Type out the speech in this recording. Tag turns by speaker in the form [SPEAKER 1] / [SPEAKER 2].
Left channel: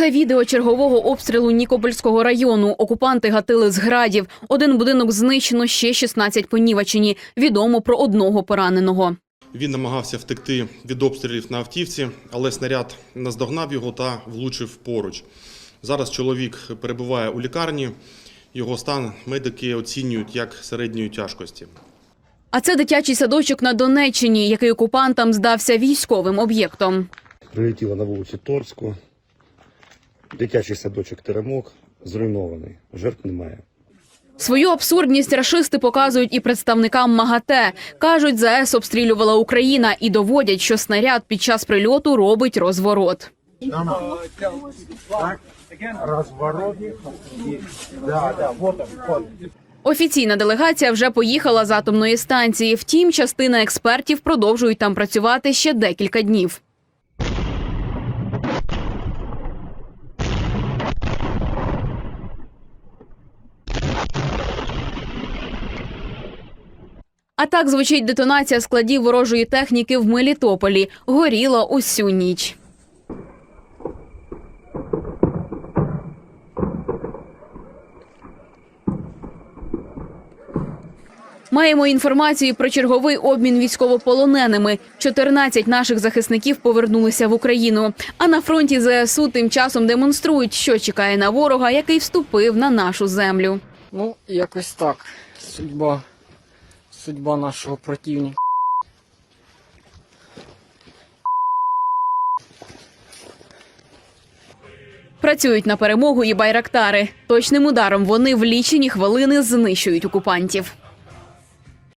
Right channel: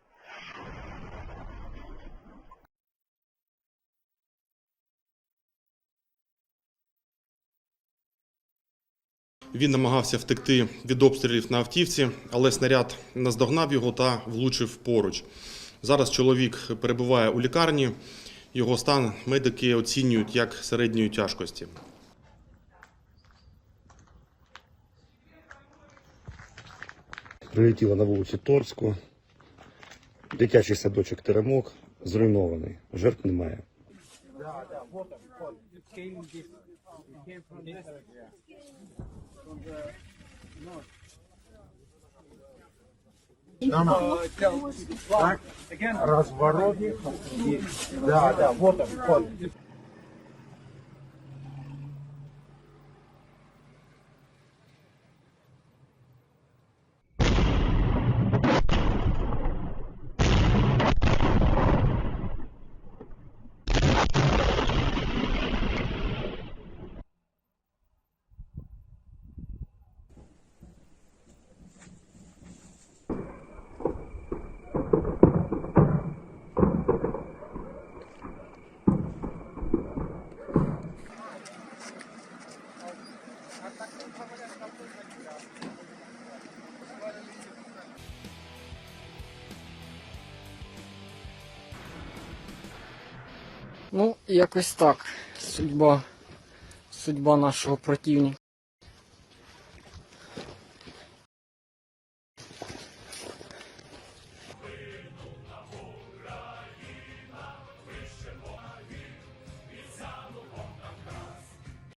[SPEAKER 1] Це відео чергового обстрілу Нікопольського району. Окупанти гатили з градів. Один будинок знищено, ще 16 понівечені. Відомо про одного пораненого.
[SPEAKER 2] Він намагався втекти від обстрілів на автівці, але снаряд наздогнав його та влучив поруч. Зараз чоловік перебуває у лікарні. Його стан медики оцінюють як середньої тяжкості.
[SPEAKER 1] А це дитячий садочок на Донеччині, який окупантам здався військовим об'єктом.
[SPEAKER 3] Прилетіло на вулиці Торську. Дитячий садочок Теремок зруйнований. Жертв немає.
[SPEAKER 1] Свою абсурдність рашисти показують і представникам МАГАТЕ. Кажуть, ЗАЕС обстрілювала Україна і доводять, що снаряд під час прильоту робить розворот. Офіційна делегація вже поїхала з атомної станції. Втім, частина експертів продовжують там працювати ще декілька днів. А так звучить детонація складів ворожої техніки в Мелітополі. Горіла усю ніч. Маємо інформацію про черговий обмін військовополоненими. 14 наших захисників повернулися в Україну. А на фронті ЗСУ тим часом демонструють, що чекає на ворога, який вступив на нашу землю.
[SPEAKER 4] Ну, якось так. Судьба. Судьба нашого противника.
[SPEAKER 1] Працюють на перемогу і байрактари. Точним ударом вони в лічені хвилини знищують окупантів.